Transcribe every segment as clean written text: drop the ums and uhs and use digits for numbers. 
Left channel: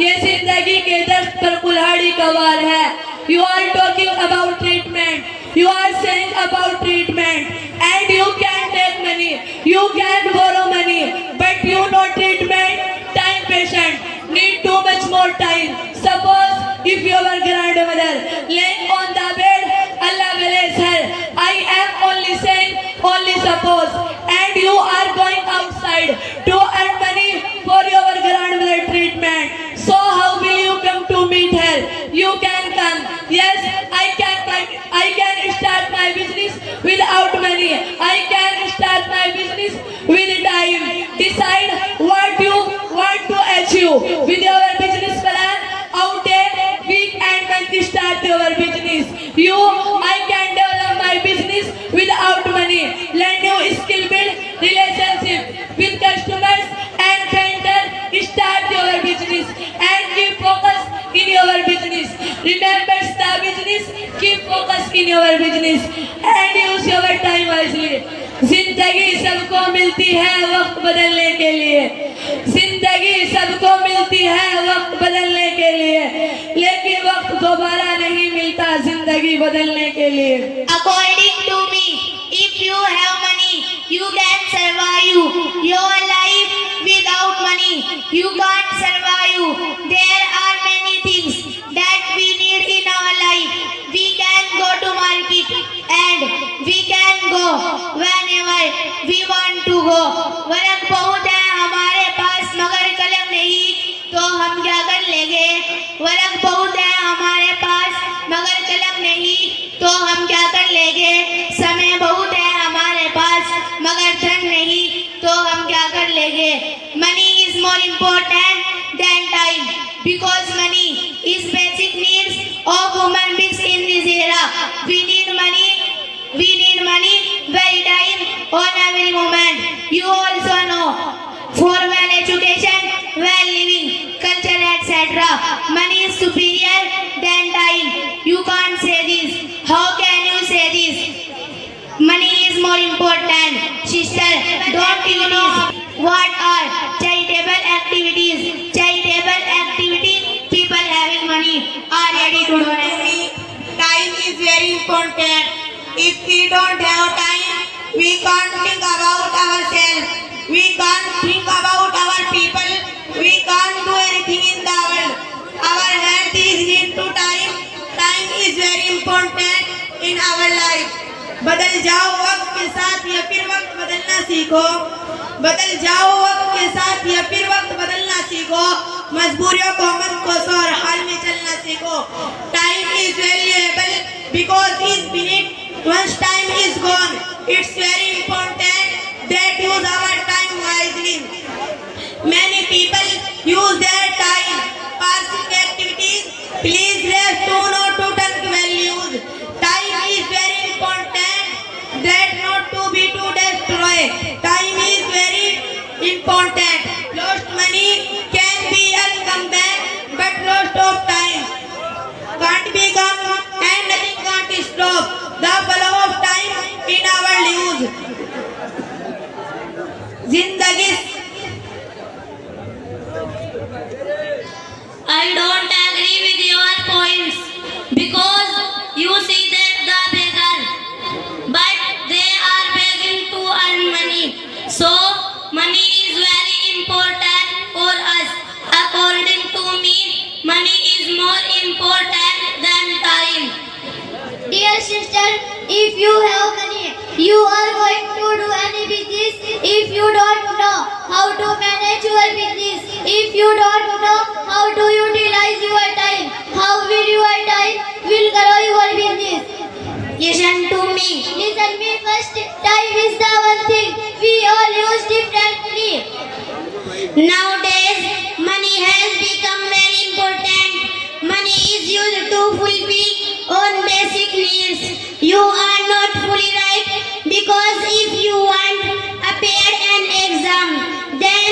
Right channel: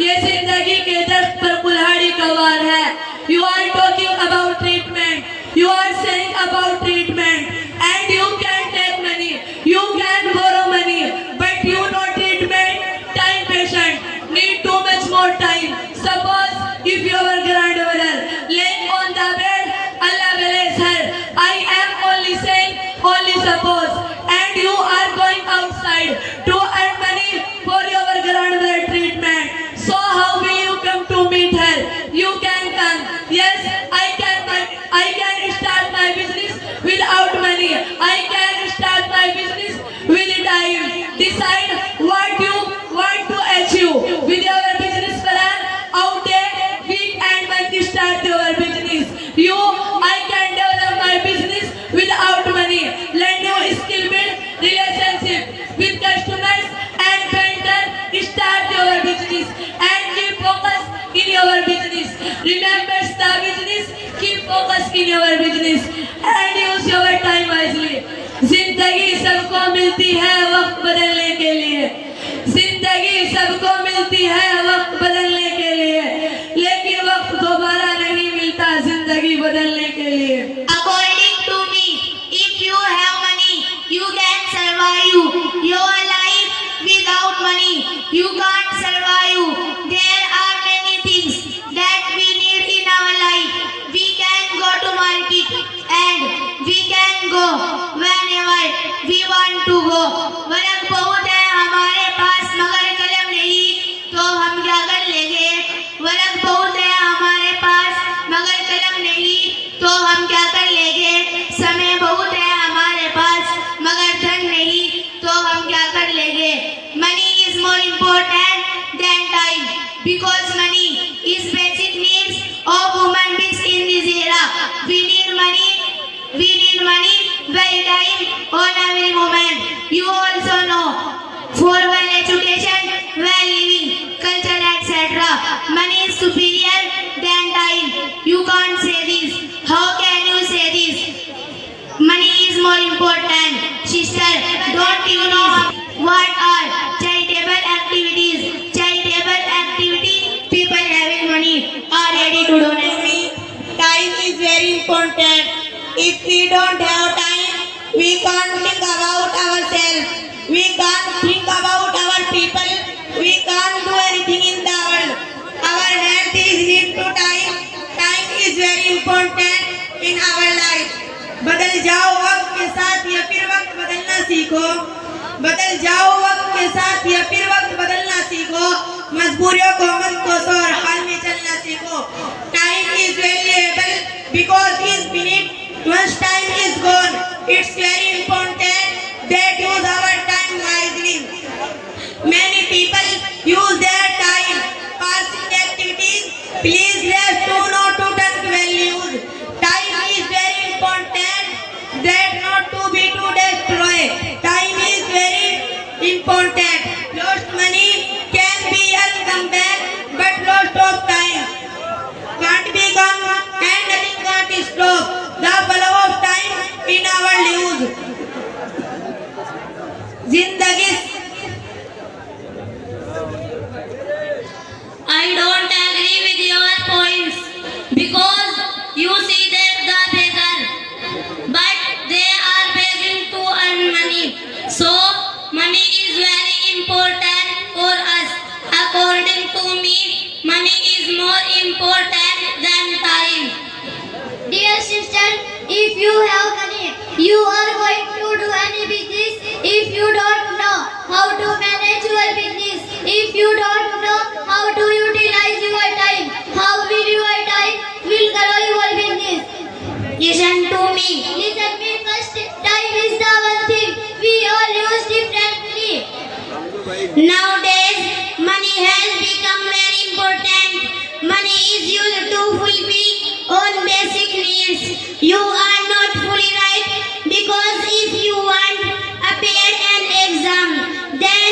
ये जिंदगी के दस्त पर कुल्हाड़ी का वार है। You are talking about treatment. You are saying about treatment. And you can take money. You can borrow money. But you know treatment. Time patient. Need too much more time. Suppose if your grandmother laying on the bed, Allah bless her. I am only saying, only suppose. And you are going outside to earn money for your grandmother treatment. So how will you come to meet her? You can come. Yes, I can start my business without money. I can start my business with time. Decide what you want to achieve with your business plan. Out there, week and month start your business. I can develop my business without money. Learn new skill, build relationship with customers and vendor. Start your business and keep focus in your business. Remember the business, keep focus in your business and use your time wisely. जिंदगी सबको मिलती है वक्त बदलने के लिए। जिंदगी सबको मिलती है वक्त बदलने के लिए, लेकिन वक्त दोबारा नहीं मिलता जिंदगी बदलने के लिए। According to me, if you have money, you can survive your life. Without money, you can't survive. There are many things that we need in our life. We can go to market and we can go whenever we want to go. Work बहुत है हमारे पास मगर कलम नहीं, तो हम क्या कर लेंगे? वर्क बहुत है हमारे पास मगर कलम नहीं, तो हम क्या कर लेंगे? समय बहुत है हमारे पास मगर धन नहीं, तो हम क्या कर लेंगे? Money is more important than time because money is basic needs of human beings in this era. We need money very time on every moment. You also know for well education, well living, culture, etc. Money is superior than time. You can't say this. How can you say this? Money is more important. Sister, don't you know what are charitable activities? Charitable activity, people having money are ready to donate. Time is very important. If we don't have time, we can't think about ourselves. We can't think about our people. We can't do anything in the world. Our health is linked to time. Time is very important in our life. बदल जाओ वक्त के साथ या फिर वक्त बदलना सीखो। बदल जाओ वक्त के साथ या फिर वक्त बदलना सीखो। मजबूरियों को मत कोसो और हाल में चलना सीखो। Time is valuable because it's finite. Once time is gone, it's very important that use our time wisely. Many people use their time passing activities. Please let's do not to take values. Time is very important that not to be to destroy. Time is very important. Lost money can be come back, but lost of time can't be come and nothing can't stop the flow of time in our lives. जिंदगी I don't agree with your points because you see that the beggar, but they are begging to earn money. So money is very important for us. According to me, money is more important than time. Dear sister, if you have money, you are going to do any business. If you don't know how to manage your business, if you don't know how to utilize your time, how will your time will grow your business? Listen to me. Listen me first. Time is the one thing we all use differently. Nowadays, money has become very important. Money is used to fulfill own basic needs. You are not fully right because if you want appear an exam, then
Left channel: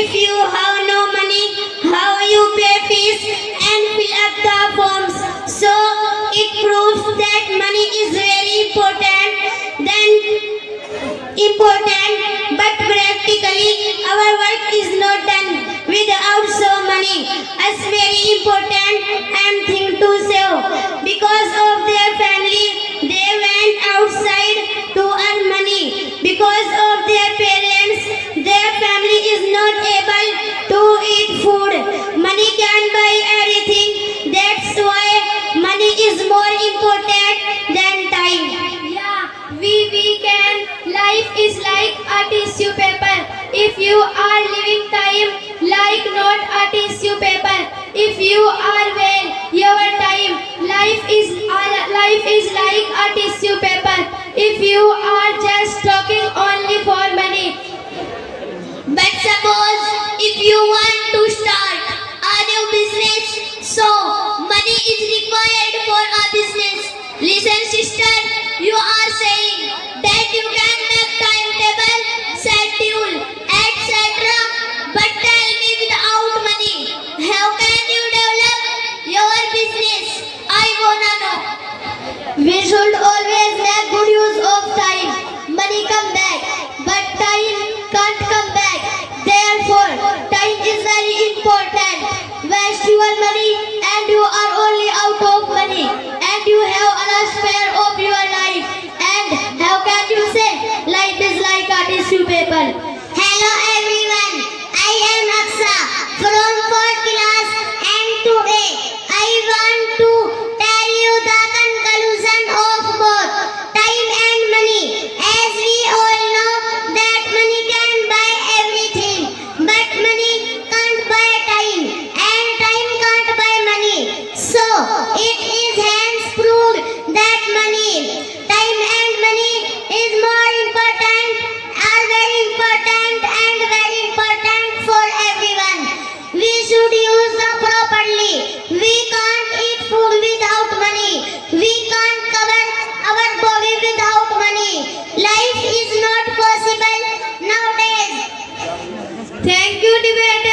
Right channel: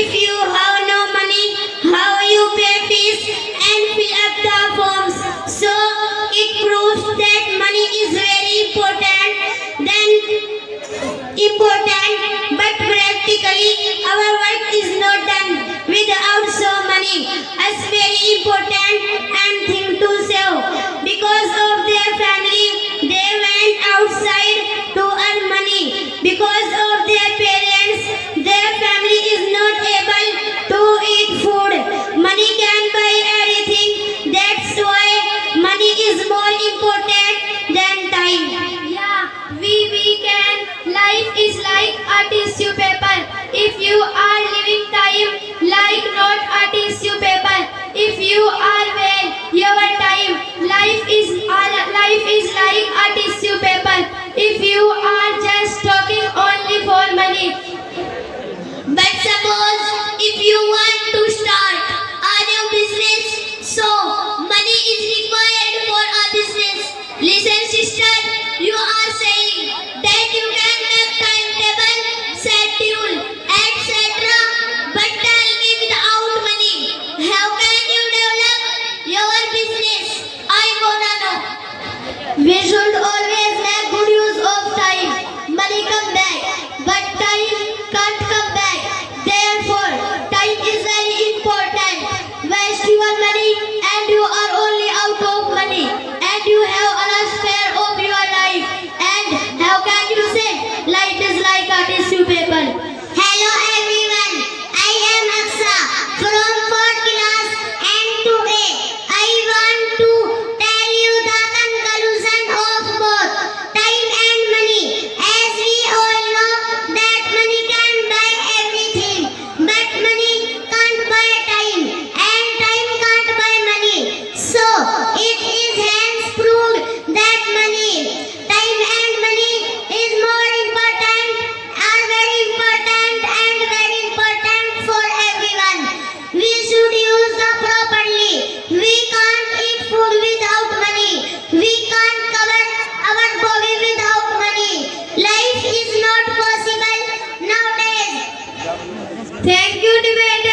if you have no money, how you pay fees and fill up the forms? So it proves that money is very important. But practically our work is not done without so money. working as very important and thing to save. Because of their family, they went outside to earn money. Because of their parents, their family is not able to eat food. Money can buy everything. That's why money is more important than time. Yeah, we can. Life is like a tissue paper. If you are living time, like not a tissue paper. If you are well, your time. Life is like a tissue paper. If you are just talking only for money. But suppose if you want to start a new business, so money is required for a business. Listen, sister, you are saying that you can make timetable, schedule, etc. But tell me, without money, how can you develop your business? I wanna know. We should always make good use of time. Money come back, but time can't come back. Therefore, time is very important. Waste your money and you are only out of money. And you have a last spare of your life. And how can you say life is like a tissue paper? Hello everyone, I am Aksa from 4th class and today I want to tell you the conclusion of both time and money. As we all know that money can buy everything, but money can't buy time and time can't buy money. So it is hence proved that time and money is more important, are very important and very important for everyone. We should use them properly. We can't eat food without money. We can't cover our body without money. Life is not possible nowadays. Thank you, debater.